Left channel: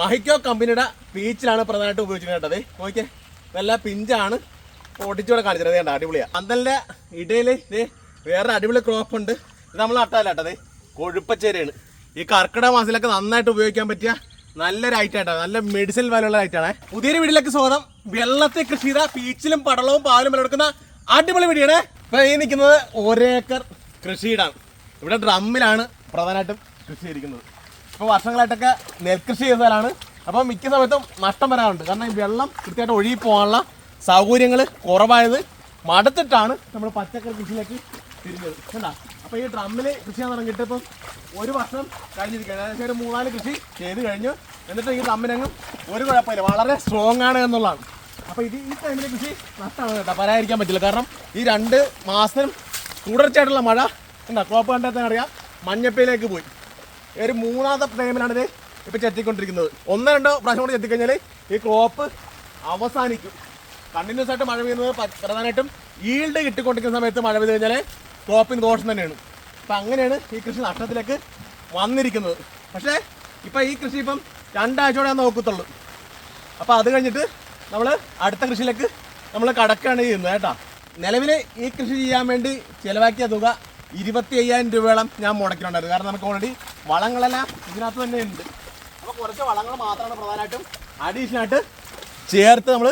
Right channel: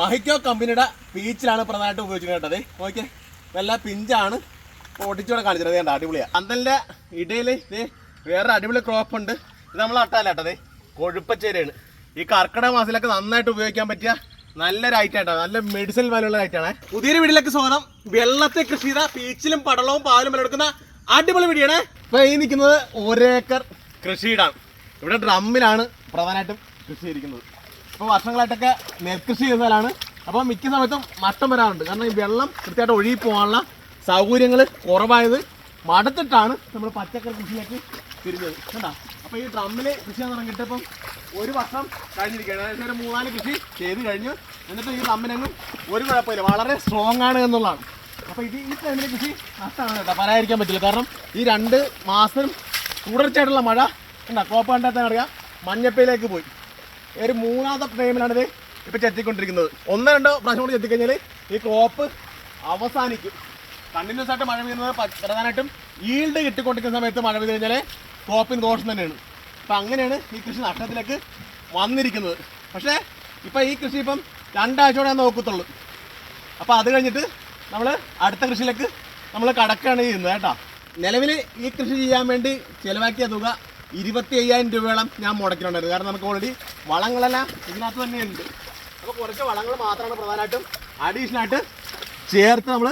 മഹിക്കോ കമ്പനിയുടെ പീച്ചിലാണ് പ്രധാനമായിട്ട് ഉപയോഗിച്ചിട്ട് കേട്ടത് ഓക്കെ നല്ല പിഞ്ചാണ്. പൊട്ടിച്ചൂടെ കാണിച്ചത് വേണ്ട അടിപൊളിയാണ് അന്തലിന്റെ ഇടയിൽ വേറെ അടിപൊളി ക്രോപ്പ് ഉണ്ട്. ഇത് നമ്മൾ നട്ടാലട്ടത് കൊഴുപ്പച്ചേരിയാണ്. ഈ കർക്കിടക മാസത്തിലൊക്കെ നന്നായിട്ട് ഉപയോഗിക്കാൻ പറ്റിയ നല്ലൊരു ഐറ്റം ആട്ടോ. നല്ല മെഡിസിൻ വാല്യുള്ള ഐറ്റാണ് പുതിയൊരു വീട്ടിലേക്ക് സ്വാഗതം. വെള്ളത്തെ കൃഷി ചെയ്ത പീച്ചിലും പടളവും പാലും വിളവെടുക്കുന്ന അടിപൊളി വീടിയാണ്. ഇപ്പൊ ഈ നിൽക്കുന്നത് ഒരേക്കർ കൃഷിയിടാണ്. ഇവിടെ ഡ്രമ്മിലാണ് പ്രധാനമായിട്ടും കൃഷി ചെയ്തിരിക്കുന്നത്. ഇപ്പോൾ വർഷങ്ങളായിട്ടൊക്കെ നെൽകൃഷി ചെയ്താലാണ് അപ്പോൾ മിക്ക സമയത്തും നഷ്ടം വരാറുണ്ട്. കാരണം ഈ വെള്ളം കൃത്യമായിട്ട് ഒഴുകി പോകാനുള്ള സൗകര്യങ്ങൾ കുറവായത് മടുത്തിട്ടാണ് നമ്മൾ പച്ചക്കറി കൃഷിയിലേക്ക് തിരിഞ്ഞത്. കണ്ടാ? അപ്പോൾ ഈ ഡ്രമ്മിൽ കൃഷി ചെയ്യാൻ തുടങ്ങിയിട്ട് ഇപ്പം ഒരു വർഷം കഴിഞ്ഞിരിക്കുകയാണ്. ഏകദേശം ഒരു മൂന്നാൽ കൃഷി ചെയ്ത് കഴിഞ്ഞു. എന്നിട്ട് ഈ ഡ്രമ്മിനങ്ങ് ഒരു കുഴപ്പമില്ല. വളരെ സ്ട്രോങ് ആണ് എന്നുള്ളതാണ്. അപ്പോൾ ഇത് ഈ ടൈമിൽ കൃഷി നഷ്ടമാണ് കേട്ടോ. പറയാതിരിക്കാൻ പറ്റില്ല. കാരണം ഈ രണ്ട് മാസം തുടർച്ചയായിട്ടുള്ള മഴ കണ്ടാ? കോപ്പ് കണ്ടെത്താൻ അറിയാം. മഞ്ഞപ്പയിലേക്ക് പോയി. ഒരു മൂന്നാമത്തെ പ്രേമനാണ് ഇത് ഇപ്പൊ ചെത്തിക്കൊണ്ടിരിക്കുന്നത്. ഒന്ന് രണ്ടോ പ്രാവശ്യം കൂടി ചെത്തിക്കഴിഞ്ഞാൽ ഈ ക്രോപ്പ് അവസാനിക്കും. കണ്ടിന്യൂസ് ആയിട്ട് മഴ പെയ്യുന്നത് പ്രധാനമായിട്ടും ഈൽഡ് കിട്ടിക്കൊണ്ടിരിക്കുന്ന സമയത്ത് മഴ പെയ്ത് കഴിഞ്ഞാൽ ക്രോപ്പിന് ദോഷം തന്നെയാണ്. അപ്പം അങ്ങനെയാണ് ഈ കൃഷി നഷ്ടത്തിലേക്ക് വന്നിരിക്കുന്നത്. പക്ഷേ ഇപ്പം ഈ കൃഷി ഇപ്പം രണ്ടാഴ്ചയോടെ ഞാൻ നോക്കത്തുള്ളൂ. അപ്പോൾ അത് കഴിഞ്ഞിട്ട് നമ്മൾ അടുത്ത കൃഷിയിലേക്ക് നമ്മൾ കടക്കുകയാണ് ചെയ്യുന്നത് കേട്ടോ. നിലവിൽ ഈ കൃഷി ചെയ്യാൻ വേണ്ടി ചിലവാക്കിയ തുക ഇരുപത്തി അയ്യായിരം രൂപയോളം ഞാൻ മുടക്കിയിട്ടുണ്ടായിരുന്നു. കാരണം നമുക്ക് ഓൾറെഡി വളങ്ങളെല്ലാം ഇതിനകത്ത് തന്നെ ഉണ്ട്. അപ്പോൾ കുറച്ച് വളങ്ങൾ മാത്രമാണ് പ്രധാനമായിട്ടും അഡീഷണൽ ആയിട്ട് ചേർത്ത് നമ്മൾ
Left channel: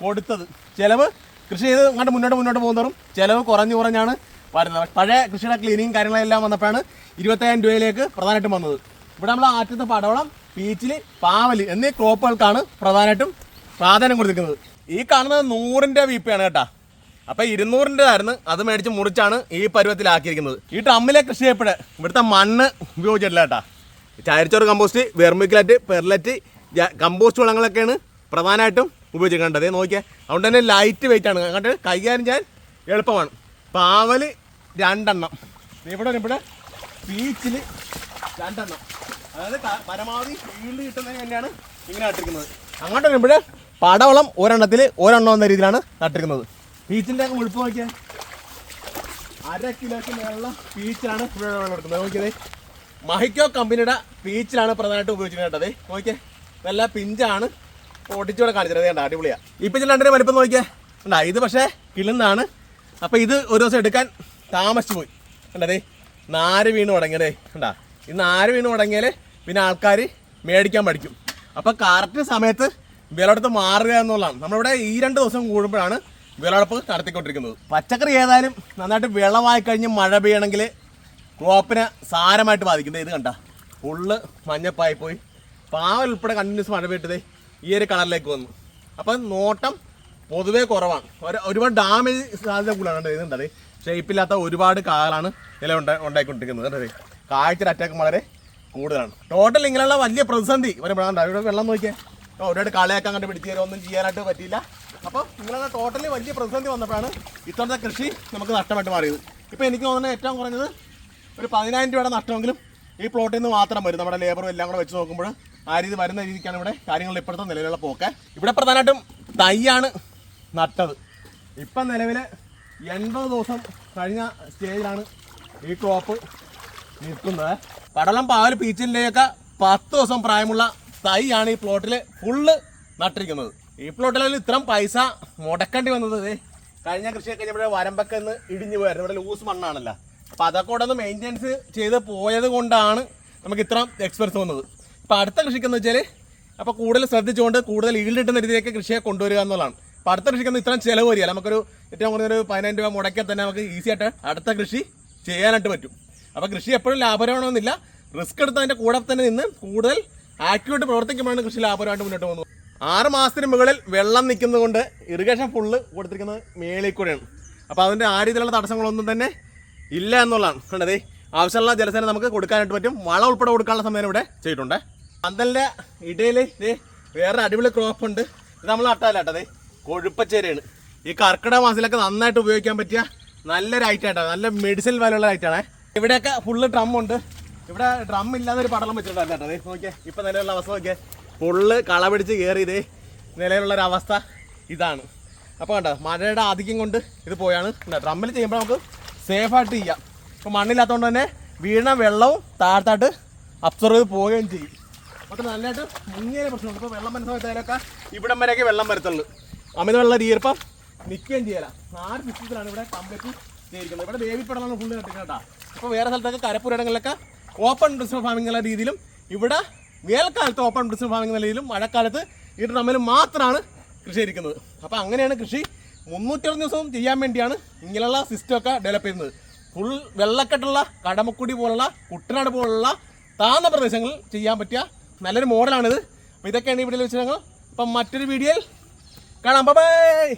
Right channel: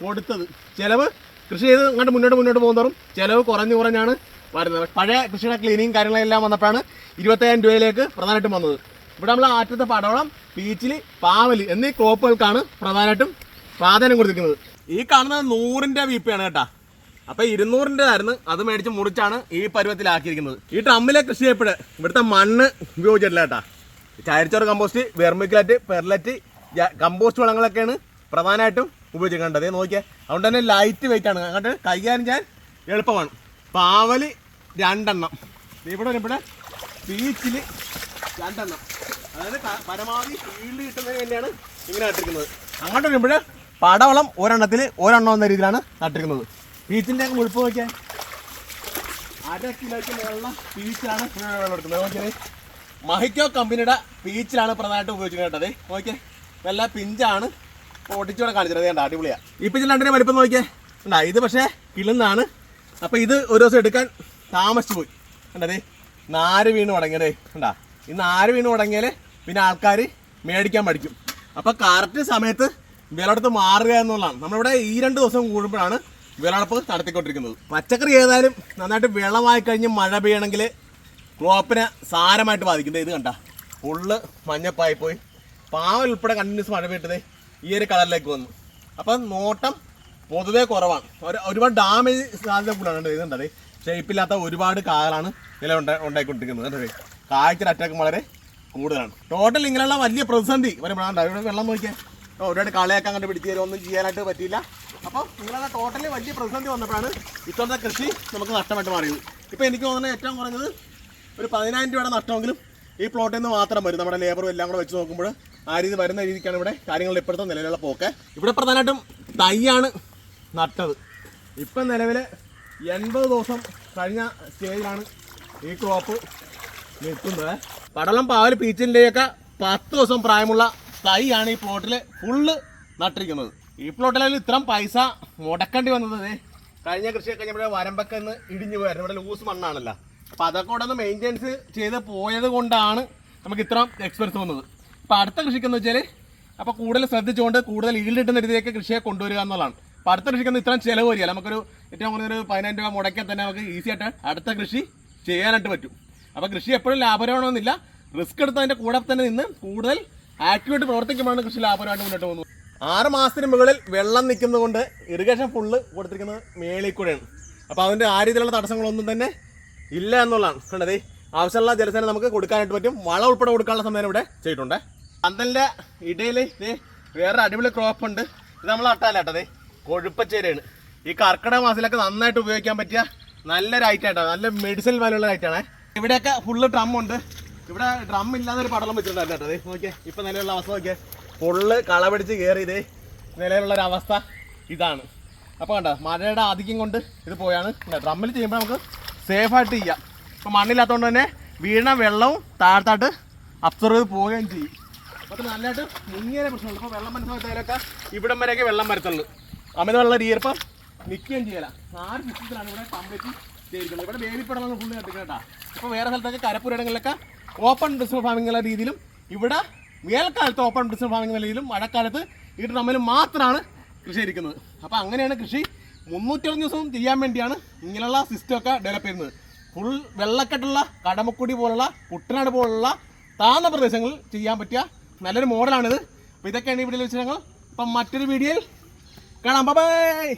കൊടുത്തത്. ചിലവ് കൃഷി ചെയ്ത് അങ്ങോട്ട് മുന്നോട്ട് മുന്നോട്ട് പോകുന്നതോറും ചിലവ് കുറഞ്ഞു കുറഞ്ഞാണ് വരുന്നത്. പഴയ കൃഷിയുടെ ക്ലീനിങ് കാര്യങ്ങളെല്ലാം വന്നപ്പോഴാണ് ഇരുപത്തയ്യായിരം രൂപയിലേക്ക് പ്രധാനമായിട്ടും വന്നത്. ഇവിടെ നമ്മൾ ആറ്റത്ത് പടവളം പീച്ചിൽ പാവൽ എന്നീ ക്രോപ്പുകൾക്കാണ് പ്രധാനമായിട്ടും പ്രാധാന്യം കൊടുത്തിരിക്കുന്നത്. ഈ കാണുന്നത് നൂറിന്റെ വീപ്പയാണ് കേട്ടാ. അപ്പൊ ഇരുന്നൂറിന്റെ ആയിരുന്നു അത് മേടിച്ച് മുറിച്ചാണ് ഈ പരുവത്തിലാക്കിയിരിക്കുന്നത്. ഈ ട്രമ്മിലെ കൃഷി ചെയ്യപ്പെടെ. ഇവിടുത്തെ മണ്ണ് ഉപയോഗിച്ചിട്ടില്ല കേട്ടാ. കമ്പോസ്റ്റ് വെർമിക്കുലറ്റ് പെർലറ്റ് കമ്പോസ്റ്റ് വളങ്ങളൊക്കെയാണ് പ്രധാനമായിട്ടും ഉപയോഗിച്ചിരിക്കേണ്ടത് നോക്കിയാൽ അതുകൊണ്ട് തന്നെ ലൈറ്റ് വെയിറ്റ് ആണ്. അങ്ങോട്ട് കൈകാര്യം ചെയ്യാൻ എളുപ്പമാണ്. പാവൽ രണ്ടെണ്ണം. ഇവിടെ ഇവിടെ ബീച്ചിൽ രണ്ടെണ്ണം. അതായത് പരമാവധി ഫീൽഡ് കിട്ടുന്നതിന് വേണ്ടിയാണ് ഇങ്ങനെ നട്ടിരിക്കുന്നത്. അങ്ങോട്ട് വരുമ്പോൾ പടവളം ഒരെണ്ണത്തിൽ ഒരെണ്ണം എന്ന രീതിയിലാണ് നട്ടിരിക്കുന്നത്. ബീച്ചിന്റെ അങ്ങ് മുഴുപ്പ് നോക്കിയാൽ അര കിലോയ്ക്ക് മേളുള്ള പീച്ചാണ് വെള്ളം എടുക്കുന്നത് നോക്കിയത് മഹിക്കോ കമ്പനിയുടെ പീച്ചിലാണ് പ്രധാനമായിട്ട് ഉപയോഗിച്ചിരിക്കുന്നത് കേട്ടത് നോക്കിയേ. നല്ല പിഞ്ചാണ് പൊട്ടിച്ചൂടെ കാണിച്ചത് കണ്ട? അടിപൊളിയാണ് ഈ പിച്ചിൽ രണ്ടിനെ വലിപ്പം നോക്കിയേ. ഉണ്ടാ ഇത് പക്ഷേ കിളുന്നാണ്. അപ്പോൾ ഇത് ഒരു ദിവസം എടുക്കാൻ താമസിച്ചു പോയി. കണ്ടതേ നാര് വീണ് തുടങ്ങിയതേ ഉണ്ടാ ഈ നാര് വീണ് തുടങ്ങിയാൽ പിന്നെ ആൾക്കാർ മേടിക്കാൻ പഠിക്കും. അപ്പോൾ കറക്റ്റ് സമയത്ത് വിലയിടത്ത് മാറുക എന്നുള്ളതാണ്. നമ്മളിവിടെ ഈ രണ്ട് ദിവസം കൂടുമ്പോഴാണ് വിളവെടുപ്പ് നടത്തിക്കൊണ്ടിരിക്കുന്നത്. പച്ചക്കറി ഏതായാലും നന്നായിട്ട് വിളവായി കഴിഞ്ഞ് മഴ പെയ്യണമെങ്കിൽ ക്രോപ്പിനെ സാരമായിട്ട് ബാധിക്കുന്നത് ഇത് കണ്ട. ഫുള്ള് മഞ്ഞപ്പായി പോയി. പാവൽ ഉൾപ്പെടെ കണ്ടിന്യൂസ് മഴ പെയ്തത് ഈ ഒരു കളറിലേക്ക് വന്നു. അപ്പം നോട്ടം പൊതുവേ കുറവാണ്. ഒരു ഒരുപാട് ഡാമേജ് സാധ്യത കൂടുതലാണ്. കണ്ടോ? ഇത് കണ്ടത് ഷേപ്പില്ലാത്ത ഒരുപാട് കാലാണ് ഇല ഉണ്ടാ ഉണ്ടായിക്കൊണ്ടിരിക്കുന്നത്. കണ്ടത് കാഴ്ചയുടെ അറ്റാക്ക് വളരെ കൂടുതലാണ്. ടോട്ടൽ ഇങ്ങനെയുള്ള വലിയ പ്രതിസന്ധി. വരുമ്പോഴാണ് ഇവിടെ വെള്ളം നോക്കിയാൽ ഒരുപാട് കളിയാക്കാൻ കണ്ട് പിടിച്ച് തരും ഒന്നും ചെയ്യാനായിട്ട് പറ്റിയില്ല. അപ്പോൾ നിങ്ങളുടെ ടോട്ടലി വലിയ പ്രതിസന്ധി വന്നിട്ടാണ് ഇത്തവണത്തെ കൃഷി നമുക്ക് നഷ്ടമായിട്ട് മാറിയത്. ഇപ്പോൾ എനിക്ക് തോന്നുന്നത് ഏറ്റവും കുറഞ്ഞത് ഒരു പതിനായിരം രൂപയുടെ നഷ്ടമെങ്കിലും ഈ പ്ലോട്ടിൽ നിന്ന് മാത്രം വരും. നമ്മുടെ ലേബറും എല്ലാം കൂടെ വെച്ച് നോക്കുമ്പോൾ ആ രീതി വരുന്ന രീതിക്കാണ് ഇവിടെ കാര്യങ്ങൾ ഇപ്പോഴത്തെ നിലവിലുള്ള പോക്ക്. ഇവിടെ പ്രധാനമായിട്ടും തൈയാണ് നട്ടത്. ഇപ്പം നിലവിൽ എൺപത് ദിവസം കഴിഞ്ഞ സ്റ്റേജിലാണ് ഈ ക്രോപ്പ് നിൽക്കുന്നത്. പടലം പാവൽ പീച്ചിന്റെയൊക്കെ പത്ത് ദിവസം പ്രായമുള്ള തൈയാണ് ഈ പ്ലോട്ടിൽ ഫുള്ള് നട്ടിരിക്കുന്നത്. ഈ പ്ലോട്ടിലും ഇത്രയും പൈസ മുടക്കേണ്ടി വന്നത് കഴിഞ്ഞ കൃഷിയൊക്കെ കഴിഞ്ഞപ്പോൾ വരമ്പൊക്കെ ഒന്ന് ഇടിഞ്ഞു പോയായിരുന്നു ഇവിടെ ലൂസ് മണ്ണാണല്ലോ. അപ്പോൾ അതൊക്കെ കൂടെ ഒന്ന് മെയിന്റെനൻസ് ചെയ്ത് പോയത് കൊണ്ടാണ് നമുക്ക് ഇത്രയും എക്സ്പെൻസ് വന്നത്. അപ്പോൾ അടുത്ത കൃഷിക്കെന്ന് വെച്ചാൽ അപ്പോൾ കൂടുതൽ ശ്രദ്ധിച്ചുകൊണ്ട് കൂടുതൽ ഈൽഡ് കിട്ടുന്ന രീതിയിലേക്ക് കൃഷിയെ കൊണ്ടുവരിക എന്നുള്ളതാണ്. അപ്പോൾ അടുത്ത കൃഷിക്ക് ഇത്രയും ചിലവ് വരിക. നമുക്കൊരു ഏറ്റവും കുറഞ്ഞൊരു പതിനായിരം രൂപ മുടക്കിയാൽ തന്നെ നമുക്ക് ഈസി ആയിട്ട് അടുത്ത കൃഷി ചെയ്യാനായിട്ട് പറ്റും. അപ്പോൾ കൃഷി എപ്പോഴും ലാഭകരമാണെന്നില്ല. റിസ്ക് എടുത്തതിന്റെ കൂടെ തന്നെ നിന്ന് കൂടുതൽ ആക്ടിവായിട്ട് പ്രവർത്തിക്കുമ്പോഴാണ് കൃഷി ലാഭകരമായിട്ട് മുന്നോട്ട് പോകുന്നത്. ആറ് മാസത്തിന് മുകളിൽ വെള്ളം നിൽക്കുന്നത് കൊണ്ട് ഇറിഗേഷൻ ഫുള്ള് കൊടുത്തിരിക്കുന്നത് മേളിൽ കൂടെയാണ്. അപ്പോൾ അതിന്റെ ആ രീതിയിലുള്ള തടസ്സങ്ങളൊന്നും തന്നെ ഇല്ല എന്നുള്ളതാണ്. കണ്ടതേ ആവശ്യമുള്ള ജലസേന നമുക്ക് കൊടുക്കാനായിട്ട് പറ്റും. വളം ഉൾപ്പെടെ കൊടുക്കാനുള്ള സമയം ഇവിടെ ചെയ്തിട്ടുണ്ട്. പന്തലിന്റെ ഇടയിൽ വേറെ അടിപൊളി ക്രോപ്പ് ഉണ്ട്. ഇത് നമ്മൾ നട്ടാലട്ടതേ കൊഴുപ്പച്ചേരയാണ്. ഈ കർക്കിടക മാസത്തിലൊക്കെ നന്നായിട്ട് ഉപയോഗിക്കാൻ പറ്റിയ നല്ലൊരു ഐറ്റാണ് നല്ല മെഡിസിൻ വാലുള്ള ഐറ്റാണ് ഇവിടെയൊക്കെ ഫുള്ള് ഡ്രം ഉണ്ട്. ഇവിടെ ഡ്രം ഇല്ലാന്നൊരു പടലം വെച്ചിട്ടുണ്ടായിരുന്നു കേട്ടോ നോക്കിയേ. ഇപ്പം നിലവിലുള്ള അവസ്ഥ നോക്കിയേ. ഫുള്ള് കള പിടിച്ച് നിലയിലുള്ളൊരവസ്ഥ ഇതാണ്. അപ്പോൾ കണ്ടോ മഴയുടെ ആധിക്യം കൊണ്ട് ഇത് പോയാണ്. ഡ്രമ്മിൽ ചെയ്യുമ്പോൾ നമുക്ക് സേഫായിട്ട് ചെയ്യാം. ഇപ്പോൾ മണ്ണില്ലാത്തതുകൊണ്ട് തന്നെ വീണ വെള്ളവും താഴത്താട്ട് അബ്സർവ് ചെയ്ത് പോവുകയും ചെയ്യും. അപ്പോൾ നല്ലതായിട്ട് മുങ്ങിയ പ്രശ്നമുണ്ട്. ഇപ്പോൾ വെള്ളം മനസ്സിലായാലൊക്കെ ഇവിടം വരെയൊക്കെ വെള്ളം വരത്തുള്ളൂ. അമിതമുള്ള ഈർപ്പം നിൽക്കുകയും ചെയ്യല. ആറ് സിസ്റ്റത്തിലാണ് ഇവിടെ കമ്പറ്റി ചെയ്തിരിക്കുന്നത്. ഇവിടെ പടമാണ് ഫുള്ള് കത്തിക്കുന്നത് കേട്ടോ. ഇപ്പോൾ വേറെ സ്ഥലത്തൊക്കെ കരപ്പുരയിടങ്ങളിലൊക്കെ ഓപ്പൺ ബിസിനസ് ഫാമിംഗ് ഉള്ള രീതിയിലും ഇവിടെ വേനൽക്കാലത്ത് ഓപ്പൺ ബിസിനസ് ഫാമിംഗ് രീതിയിലും മഴക്കാലത്ത് ഈ ഡ്രമ്മിൽ മാത്രമാണ് കൃഷി ഇരിക്കുന്നത് അപ്പോൾ അങ്ങനെയാണ് കൃഷി. മുന്നൂറ്ററുപത് ദിവസവും ചെയ്യാൻ വേണ്ടിയാണ് ഇങ്ങനെയുള്ള സിസ്റ്റമൊക്കെ ഡെവലപ്പ് ചെയ്യുന്നത്. ഫുൾ വെള്ളക്കെട്ടുള്ള കടമക്കുടി പോലുള്ള കുട്ടനാട് പോലുള്ള താഴ്ന്ന പ്രദേശങ്ങളിൽ ചെയ്യാൻ പറ്റിയ നല്ലൊരു മോഡലാണിത് അപ്പോൾ ഇതൊക്കെയാണ് വീഡിയോയിൽ വെച്ച് ഞങ്ങൾ. അപ്പം മറ്റൊരു വീഡിയോയിൽ കാണാം. ബൈ